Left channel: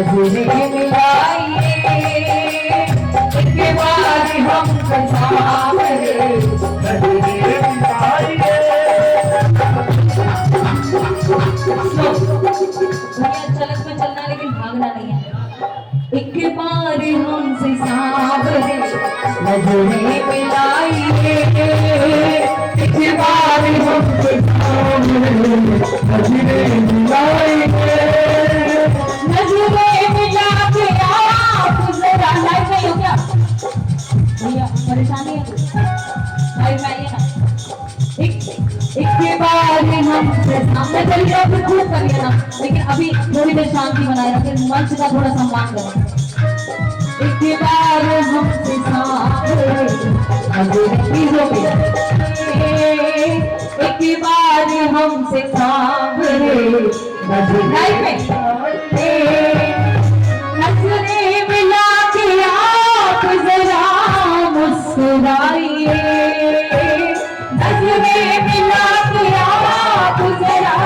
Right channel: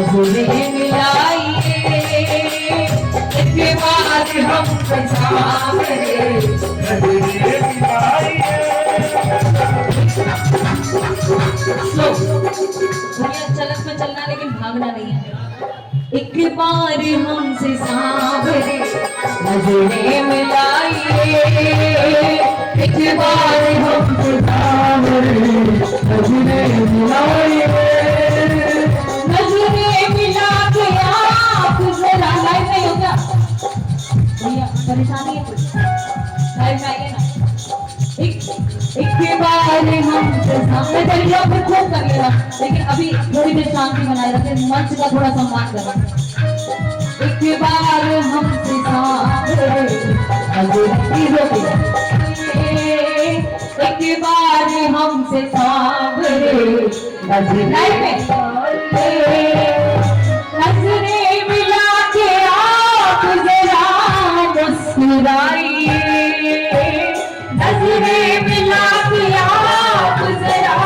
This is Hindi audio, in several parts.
नजरें मिलाइए एक बार हमसे सामने नजरें मिलाइए। चलत में चलना लेकिन भागना नहीं है। एक बार हमसे सामने नजरें मिलाइए एक बार हमसे सामने नजरें मिलाइए। नजरें मिला के आप जरा लाइव नहीं हो क्या भैया परेशानी है लाइव में आइए ना। एक बार हमसे सामने चलिए अब खूब करिए ना लेकिन अभी थोड़ी देर शांति बनाए रखें मंच का थोड़ा सम्मान करें। एक बार हमसे सामने एक बार हमसे सामने नजरें मिला के आप जरा मुस्कुराइए नजरें मिला के आप जरा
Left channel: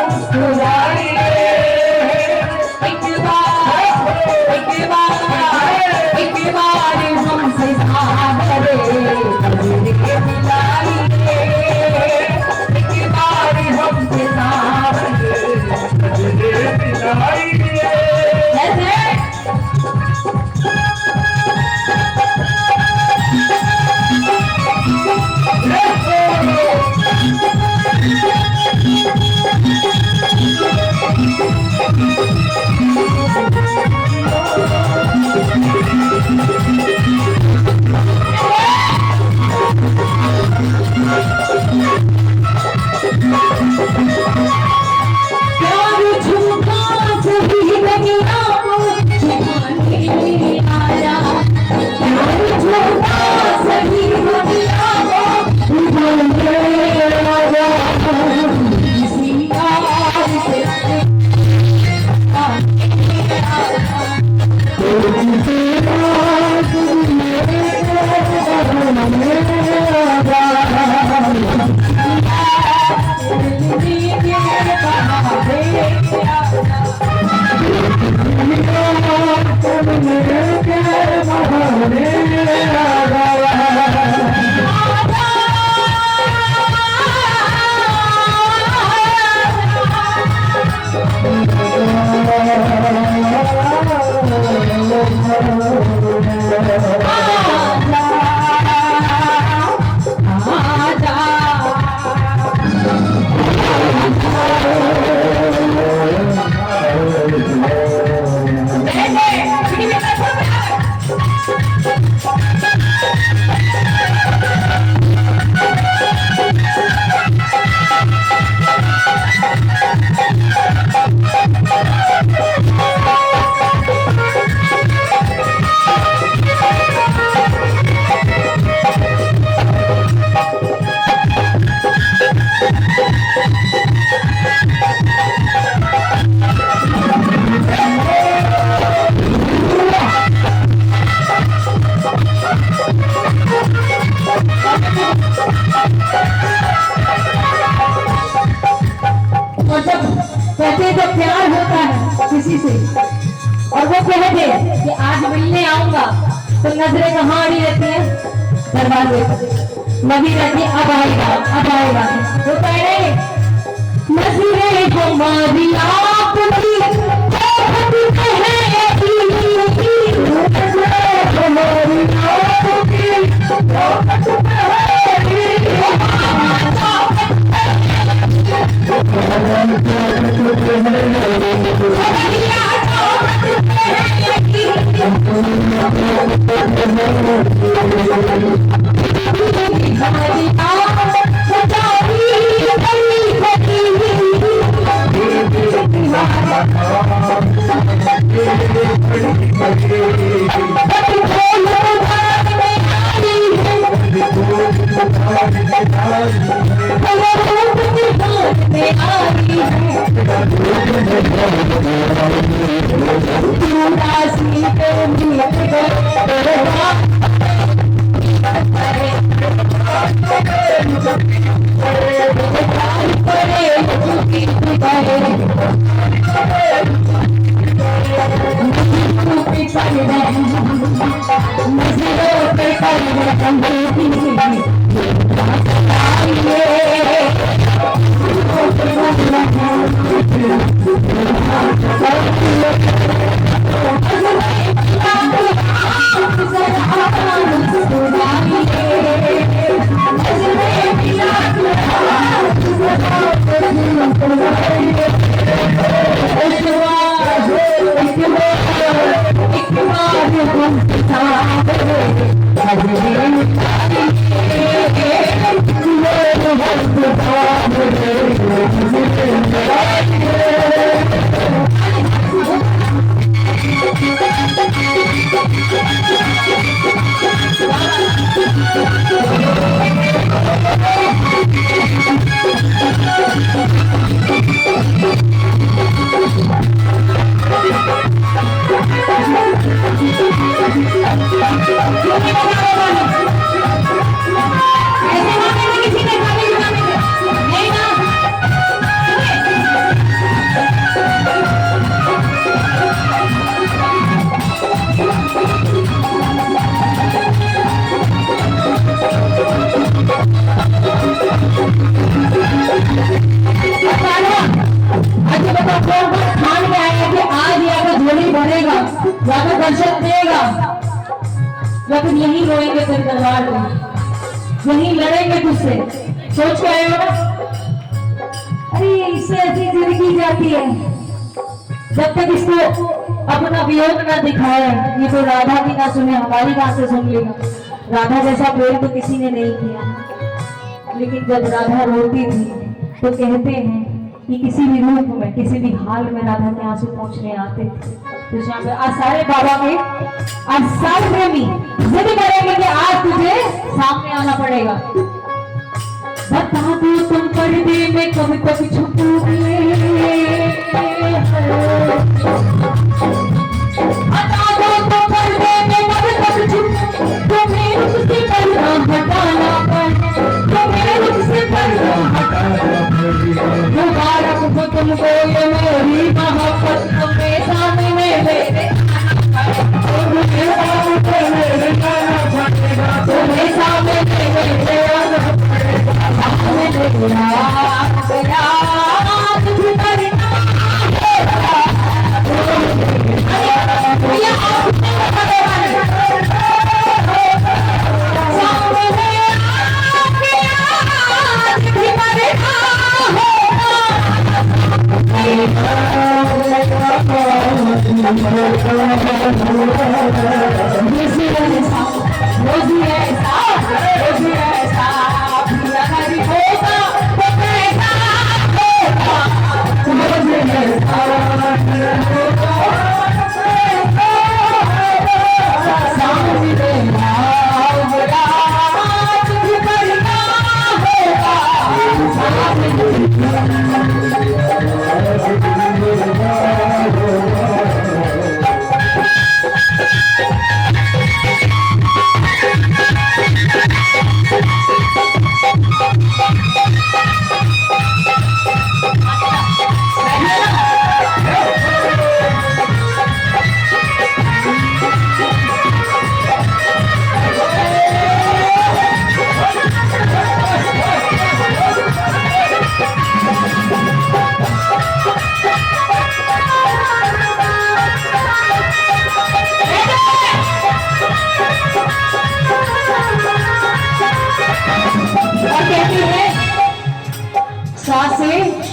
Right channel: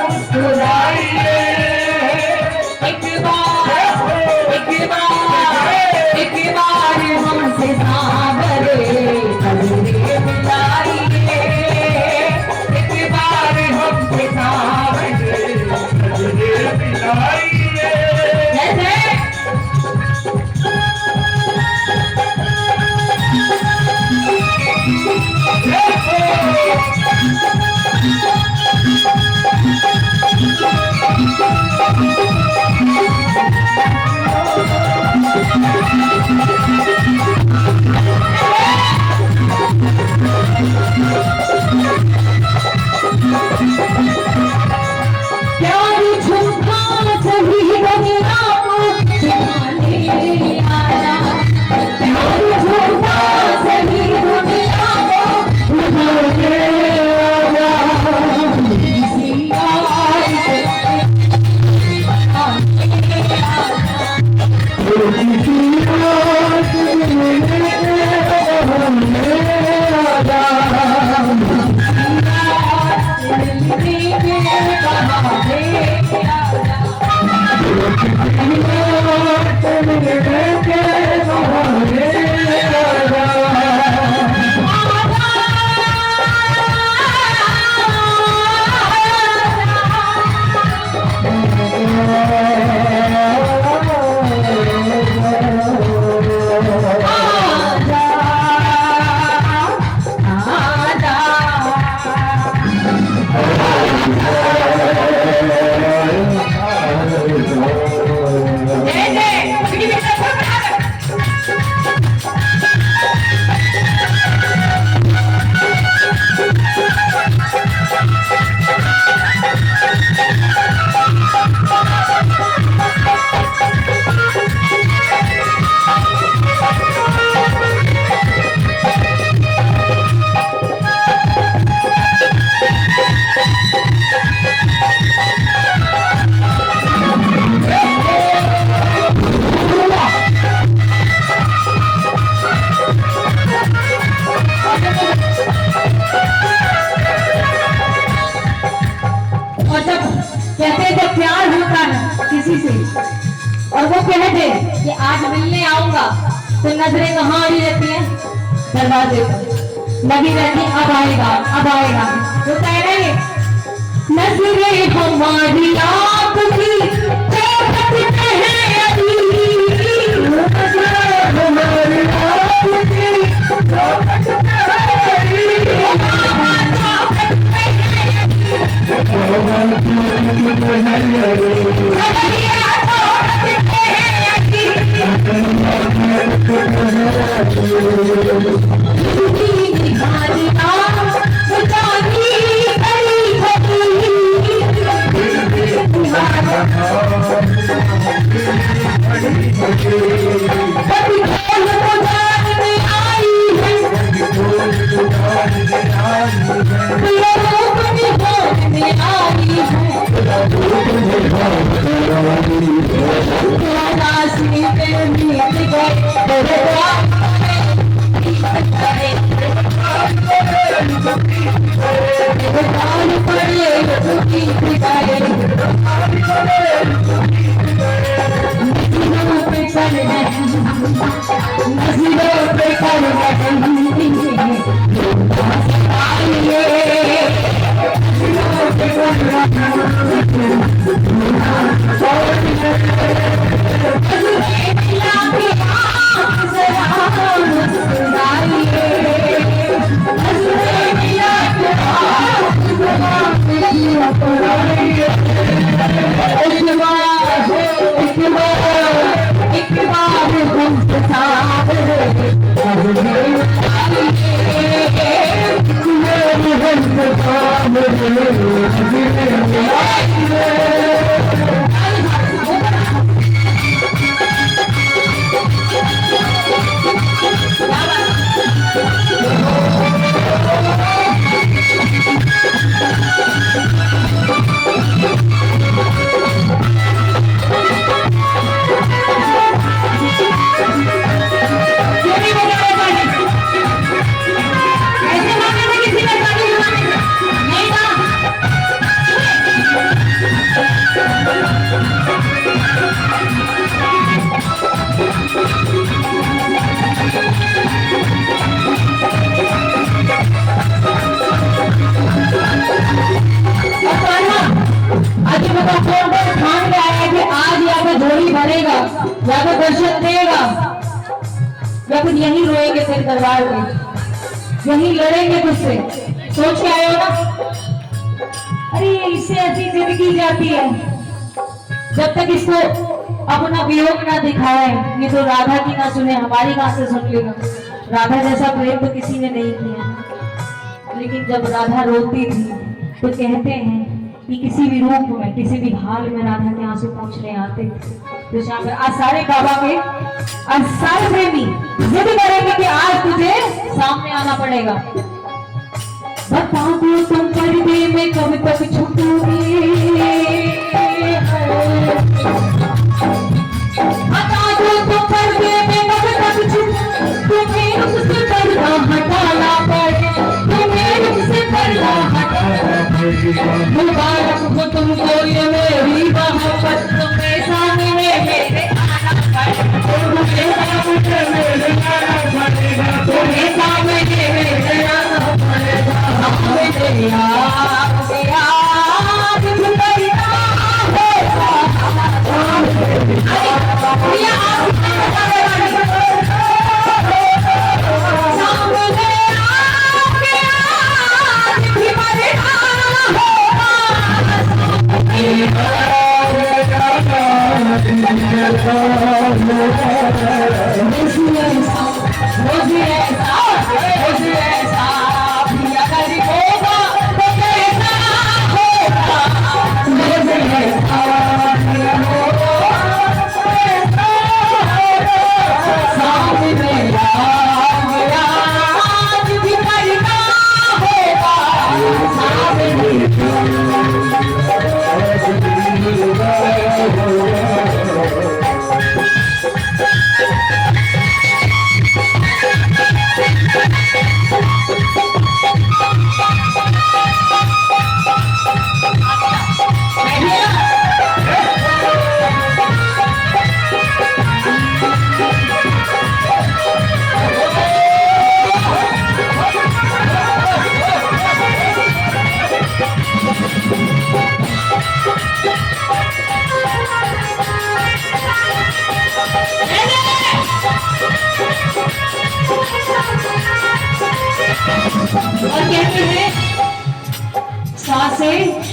मुस्कुराइए। एक बार हमसे सामने नजरें मिलाइए एक बार हमसे सामने नजरें मिलाइए। प्यार झूठा सही दुनिया को दिखाने आया प्यार झूठा सही दुनिया को दिखाने आया। किसी आवाज से किसी से और वो कह दे कि आज मिलने आऊंगा तो नजरें कहाँ अड़ी रहती है दरवाजे पर लगी रहती अब आएगा वो कह रहे नजरें हमारी आपकी ताकत में है अभी नजरें हमारी आपकी ताकत में दर्शन देगा, लेकिन यहीं रोएंगे तेरे दरबार में, यहीं लड़ेंगे तुझसे। सोच के आए हो ना? अरे इससे ऐसी जिंदगी जाती है जब तक इसको अपना वियोग ना दिखाए। ये तो राधा की ना सुने, हमारी कहां से सुन लेगा? राधा जैसा प्रेम तो किसी ने नहीं किया। लेकिन जब राधा रोती थी तो कहते हैं कि किसी भी रूप में, किसी भी हाल में राधा के आंसू पहुंचने आते थे। तो शाम में आज सारे बाबा के, आज सारे प्रेमी जिद करेंगे कि आज तुझे सामने आना पड़ेगा। बता दो तुम पर्दे में कब तक छुपोगे, बता दो तुम पर्दे में कब तक छुप, तुम्हें मुझसे पर्दा हटाना पड़े, तुम्हें मुझसे पर्दा हटाना पड़े। मुबारक हो तुमको ये मेरी मोहब्बत, तुम्हें सामने मेरे आना पड़े, तुम्हें सामने मेरे आना पड़ेगा, तुम्हें सामने मेरे आना पड़ेगा।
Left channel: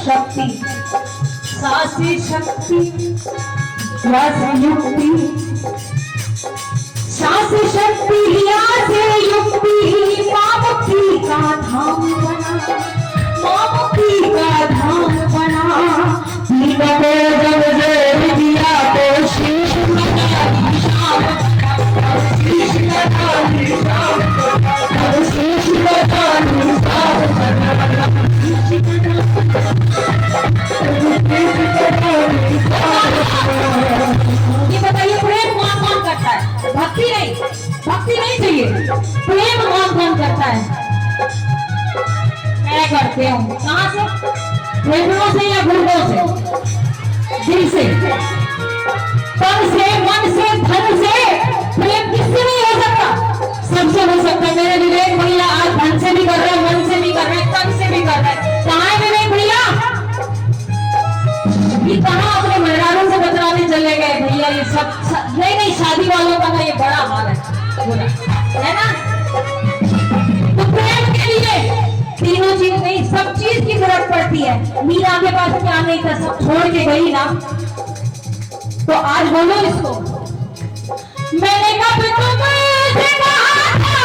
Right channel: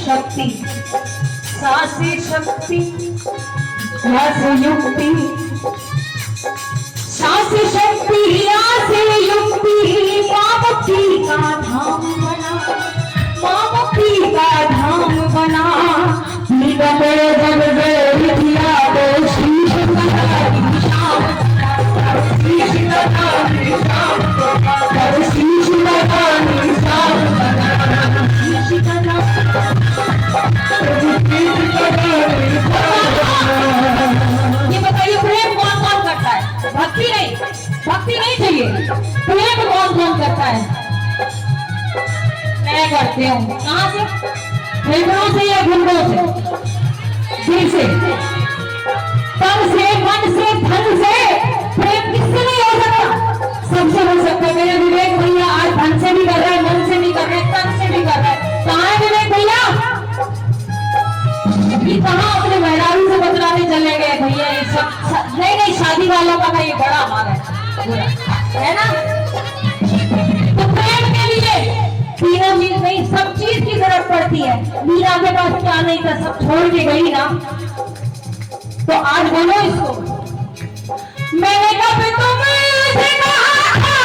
शक्ति, सासे शक्ति, युक्ति, सासे शक्ति, से युक्ति, मामुक्ति का धाम बना, मामुक्ति का धाम बना। निकटे जब जोर दिया तो शीश कटा निशान, शीश कटा निशान, शीश कटा निशान, शीश कटा। ये बताइए प्रेम कौन कौन करता है? भक्ति नहीं, भक्ति नहीं चाहिए, प्रेम कौन कौन करता है? मैं करते हूँ। कहाँ से? फेफड़ों से या गुर्दों से? दिल से, तन से, मन से, धन से। प्रेम किससे नहीं हो सकता? सबसे हो सकता है। मेरे विवेक भैया आज धन से भी कर रहे हैं, मन से भी कर रहे हैं, तन से भी कर रहे हैं। कहाँ है विवेक भैया? ये कहाँ अपने मेहरारू से बतलाने चले गए भैया? ये सब नहीं नहीं, शादी वालों का ये बड़ा हाल है, बुरा है ना। तो प्रेम के लिए तीनों चीज नहीं, सब चीज की जरूरत पड़ती है। मीरा के पास क्या नहीं था, सब छोड़ के गई ना। तो आज बोलो इसको, मैंने कब तुमसे कहा था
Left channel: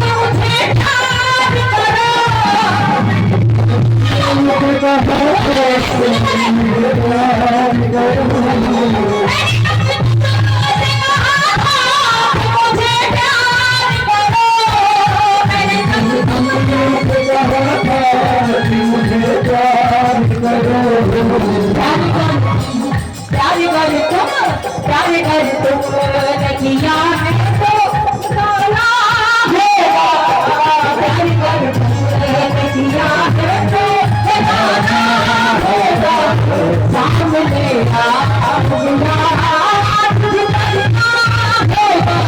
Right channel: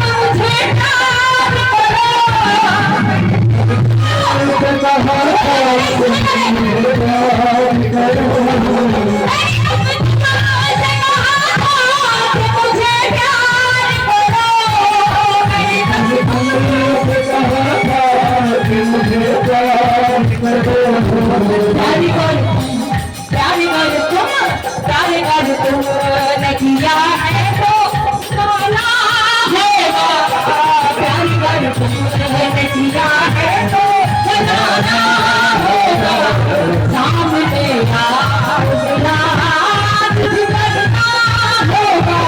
मुझे प्यार करो, किया है तो बोला होगा, प्यार कर तुमने किया है तो बताना होगा। सामने मेरा हाथ भी करना होगा,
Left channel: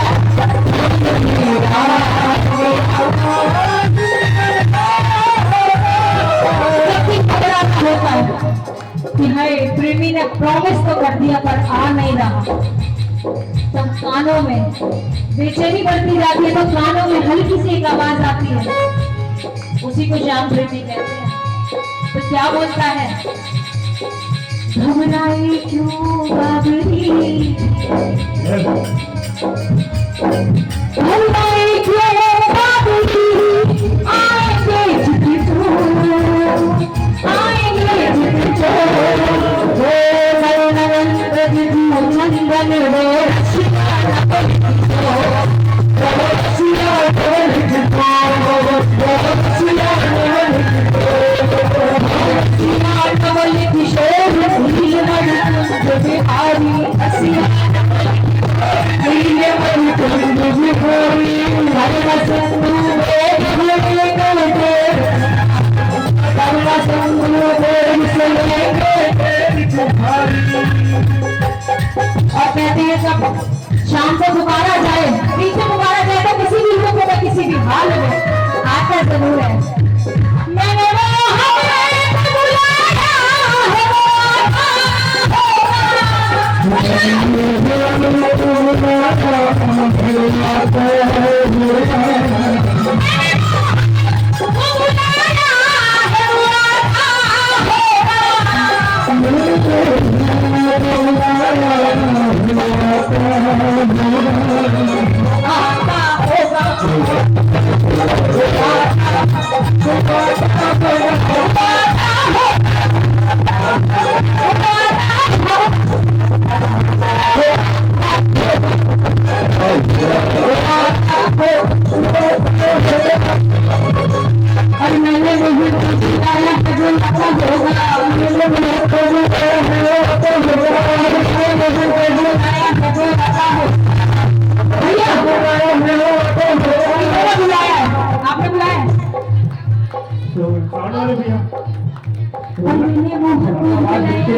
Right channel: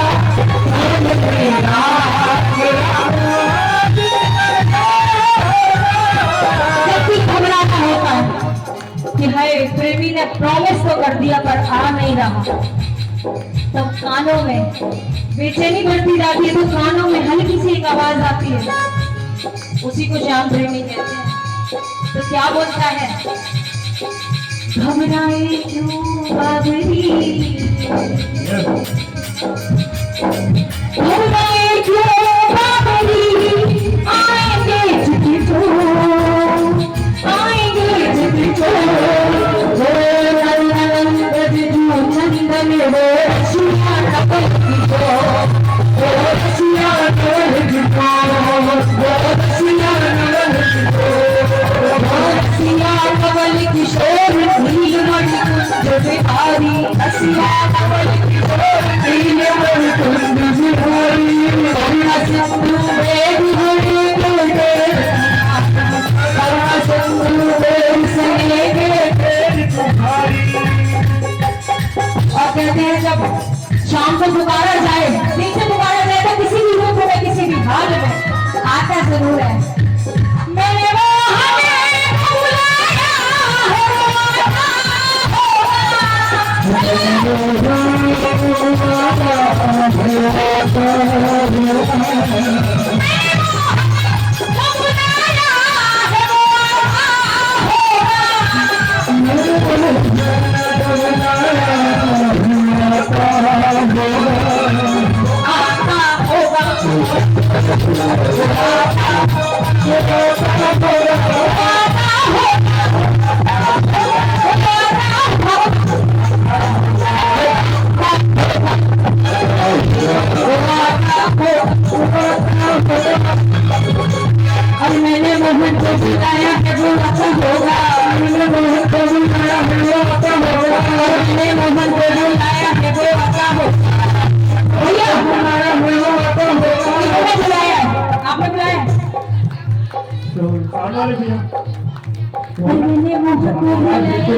घबराना होता है कि है प्रेमी ने प्रॉमिस तो कर दिया पर आ नहीं रहा। तब कानों में बेचैनी बढ़ती जाती है, तो कानों में हल्की सी एक आवाज आती है, उसी को श्याम प्रेमी कहते हैं। तो क्या बोलता है, घबराए क्यों बाबरी, घबराए क्यों बाबरी, आएंगे झुकी तो, आएंगे झुकी तो, वो नंदन रजू नंदन वे रसिया नकल की तो, वो रसिया नकल की तो, वो रसिया नकल की तो, वो रसिया नकल की शोर नील मणिकुंज बिहारी, रसिया नकल की शोर नील मणिकुंज बिहारी, करुण सिंधु वेद हरि करते, करुण सिंधु वेद सने के तुम्हारी। और कहते हैं जब शाम को पुकारा जाए, नीचे पुकारा जाए, तो किसी भी रूप में किसी भी हाल में आता जरूर है। मैंने वो हमें बुलाया है, और मैंने मोहन को बुलाया है जो आता होगा, मैंने मोहन को बुलाया है जो आता होगा, मैंने मोहन को बुलाया है जो आता होगा। भैया बुलाया है जो आता होगा, मैंने बुलाया है, आपने बुलाया है तो कौन वाले भैया, मैंने मोहन को बुलाया है जो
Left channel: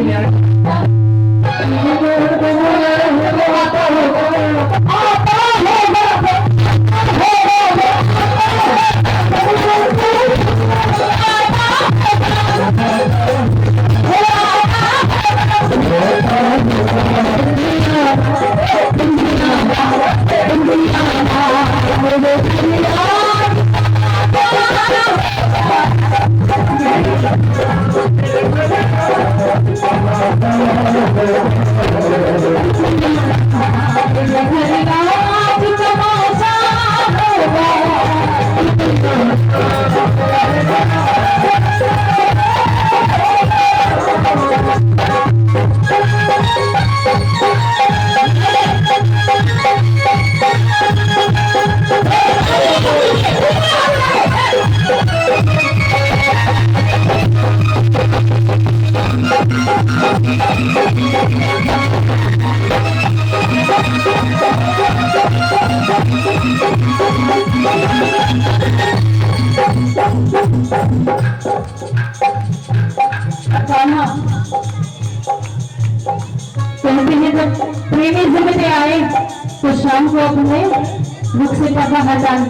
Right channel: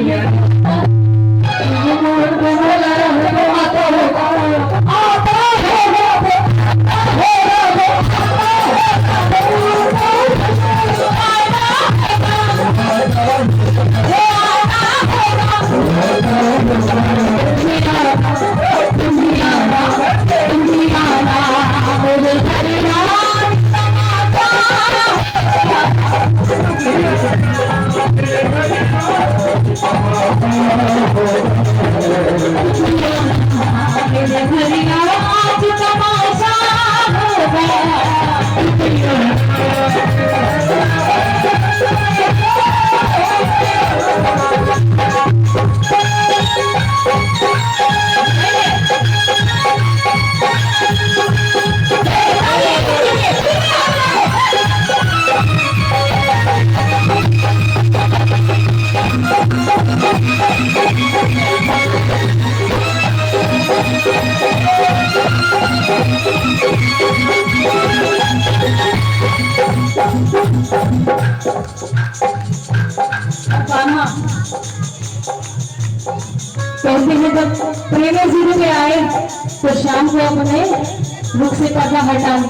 आता होगा, कहते हैं जब प्रेमी जिंदगी आए तो शाम को अपने रुख से पर्दा हटाना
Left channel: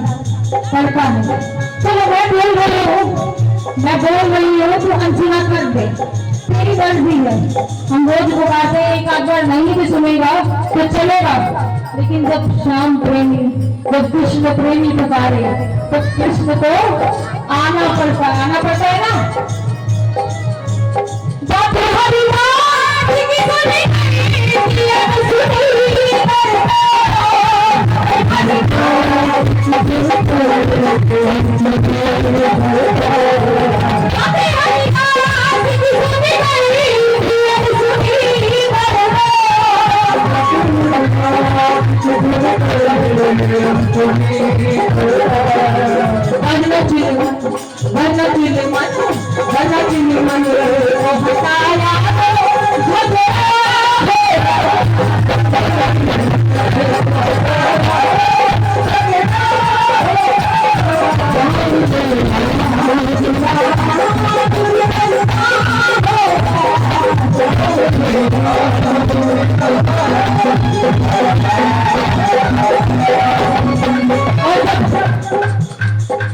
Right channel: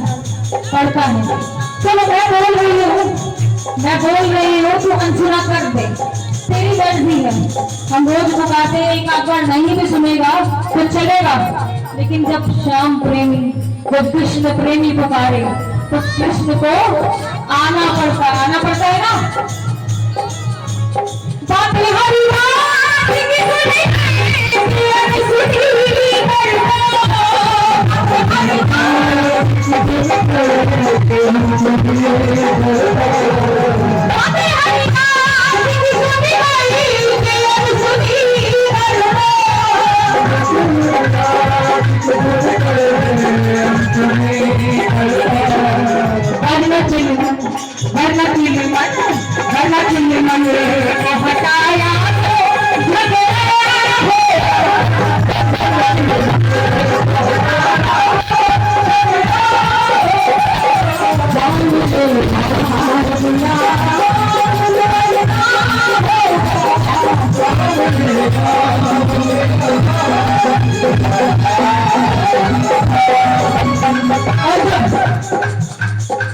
पड़ता है। चलो मैं बोल रही हूँ तो अनसुना कर दे, तेरी मर्जी है। हम रोज पुकारते हैं, एक आध बार नहीं भी सुनेगा तो चलेगा, लेकिन जब श्याम प्रेमी, जब कृष्ण प्रेमी पुकारे तो कृष्ण को आना पड़ता है ना। बात हरी बात की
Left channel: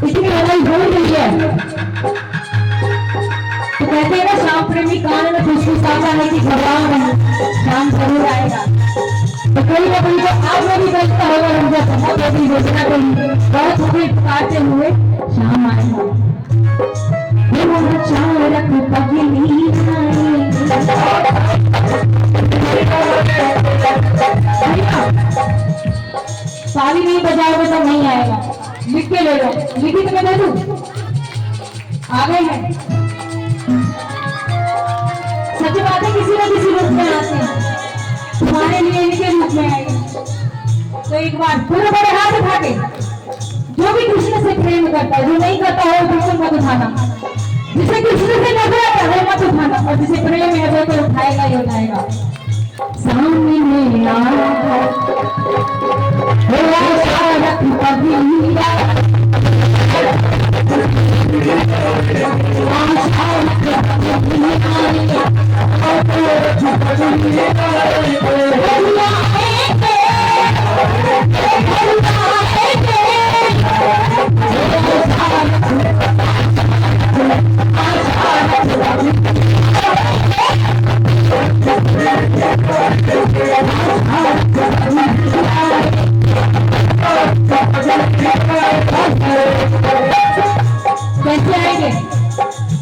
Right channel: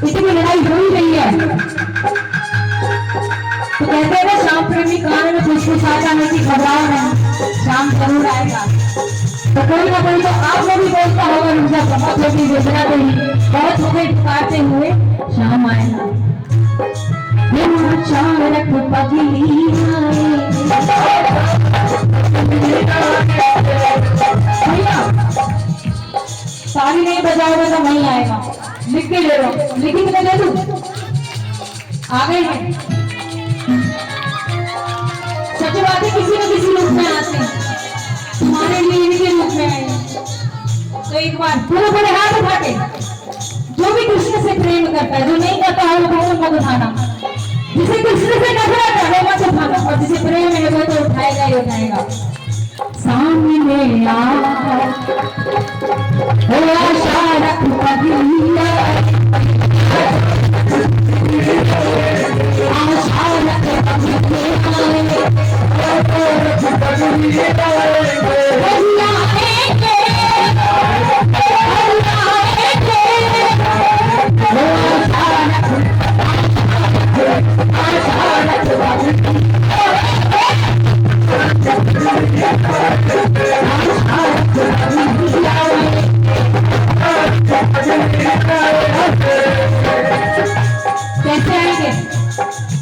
इतनी लड़ाई हो रही है तो कहते हैं ना, शाम प्रेमी कान में फुसफुसाता है कि घबराओ नहीं, शाम जरूर आएगा। तो तो कोई ना कोई तो आपने भी बोलता होगा मुझे बहुत होगी योजना देनी बहुत हो गई पुकारते हुए शाम आए चारक पगली सारी नहीं बजाओगे तो नहीं आएगा। लिख के ले लो, लिखित में दे दूं आगे है। सच बात है किसी न किसी रूप में आते हैं, तुम्हारे लिए इनके रूप में आए। तो एक बार पूरे बड़े हाथ उठा के जो भी कृष्ण से प्रेम करता है, जो नहीं करता है वो मत उठाना। जिसे कृष्ण से नफरत है वो मत उठाना, और जिसे प्रेम है वो तो उठाएगा ही उठाएगा। सामने शारक पगली कैसे आएंगे?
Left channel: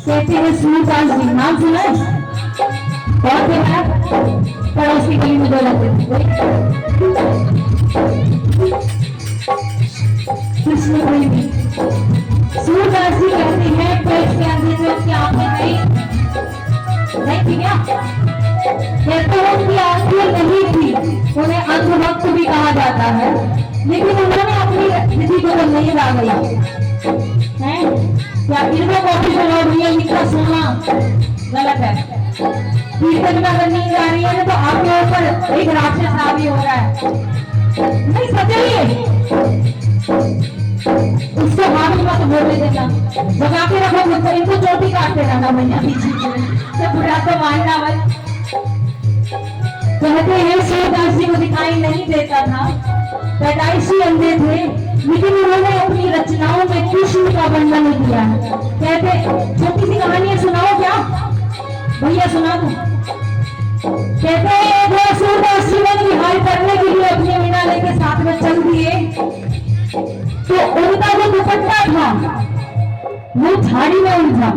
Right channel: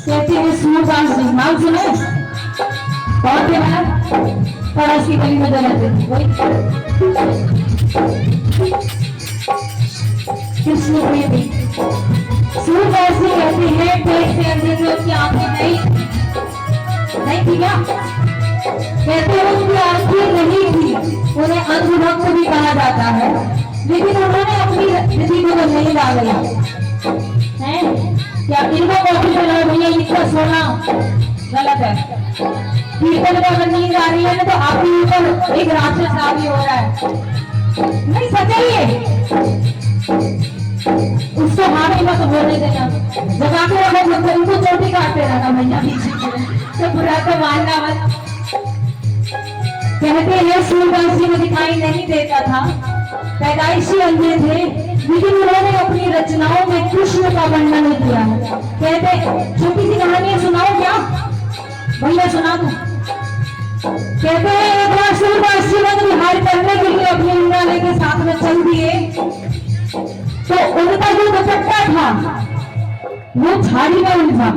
कहते हैं सूरदास जी, नाम सुना है? बहुत है पड़ोस की गली में जो रहते थे कृष्ण प्रेमी सूरदास जी कहते हैं पेट के अंदर जो उनकी आंखें नहीं थी क्या? कहते हैं उनकी आंखें नहीं थी, उन्हें अंधभक्त भी कहा जाता है, लेकिन उन्होंने अपनी स्थिति को तो नहीं डाला है। क्या इनको कोशिश में भैया इतना सोना गलत है। कीर्तन का अगर नींद आ रही है ना तो आपके ऊपर एक राक्षस हावी हो रहा है, नहीं सजाइए उसको हावी मत बोलने देना। जब आके रखो तो इनको चोटी काटते रहना भैया तो बुरा तो मानना मत। कहते हैं सूरदास जी को दिखाई नहीं देता था, पैदाइशी अंधे थे, लेकिन उन्होंने अपनी रचनाओं में कृष्ण का वर्णन किया है। कहते छोटी सी कहानी सुनाओ क्या भैया? सुना दो। कहते हैं एक बार सूरदास जी ने विहार करने के लिए अपने मीना लेके साथ में चल दिए, तो उनका जो दुपट्टा था वो झाड़ी में उलझा।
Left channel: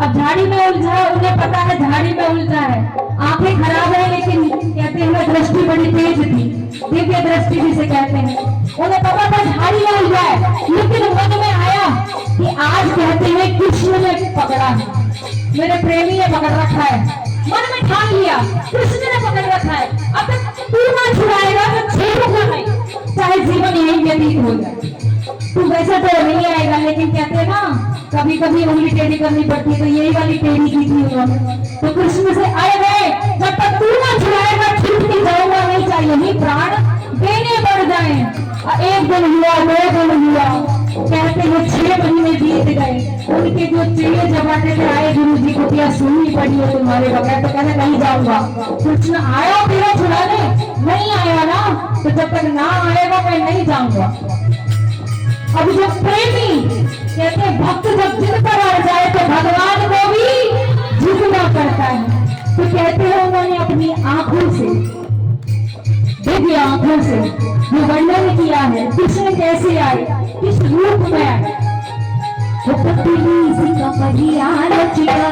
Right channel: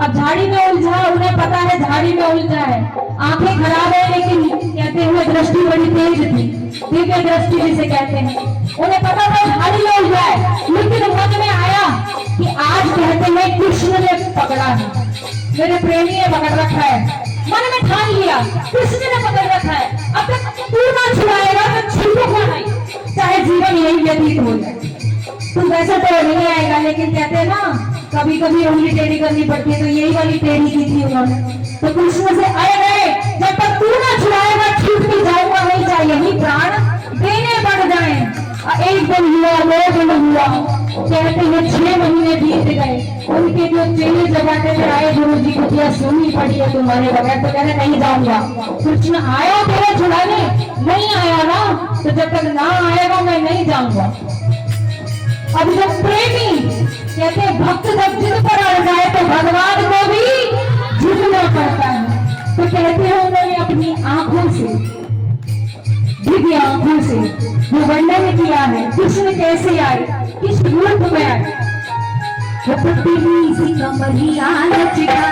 अब झाड़ी में उलझा, उन्हें पता है झाड़ी में उलझा है, आंखें खराब है, लेकिन कहते हैं दृष्टि बड़ी तेज थी, दिव्य दृष्टि जिसे कहते हैं। उन्हें पता था झाड़ी में उलझा है, लेकिन मन में आया कि आज कहते हैं कृष्ण ने पकड़ा है, मेरे प्रेमी ने पकड़ रखा है। मन में ठान लिया कृष्ण ने पकड़ रखा है, अब तक तू ना छुड़ाएगा तो छूटूंगा नहीं, चाहे जीवन यही व्यतीत हो जाए। तू वैसे तो नहीं आएगा, लेकिन कहते हैं ना कभी कभी उंगली टेढ़ी करनी पड़ती है, तो यही वाली टेढ़ी की थी उन्होंने। तो कृष्ण से आए गए, जब तक तू ना छुड़ाएगा छूट भी जाऊंगा नहीं, चाहिए ही प्राण देने पड़ जाए। एक दिन हुआ, 2 दिन हुआ, कहते हैं 6 महीने बीत गए। उनके जो चेले जबाते में आए, गुरु जी को क्या सुननी पड़ी है तुम्हारे बगैर, तो कहते नहीं जाऊंगा। कृष्ण आया तेरा छुड़ाने, नहीं आया ना, तो जब तक ना आएगा मैं नहीं जाऊंगा। अब जो प्रेमी कहते हैं भक्त जब जिद पर अड़ जाए तो भगवान को भी झुकना पड़ता है। तो कहते हैं उन्होंने अपनी आंखों से, दिव्य आंखों से जो वर्णन किया है कृष्ण कैसे आए, किस रूप में आए। वो पतली सी कमरिया लचका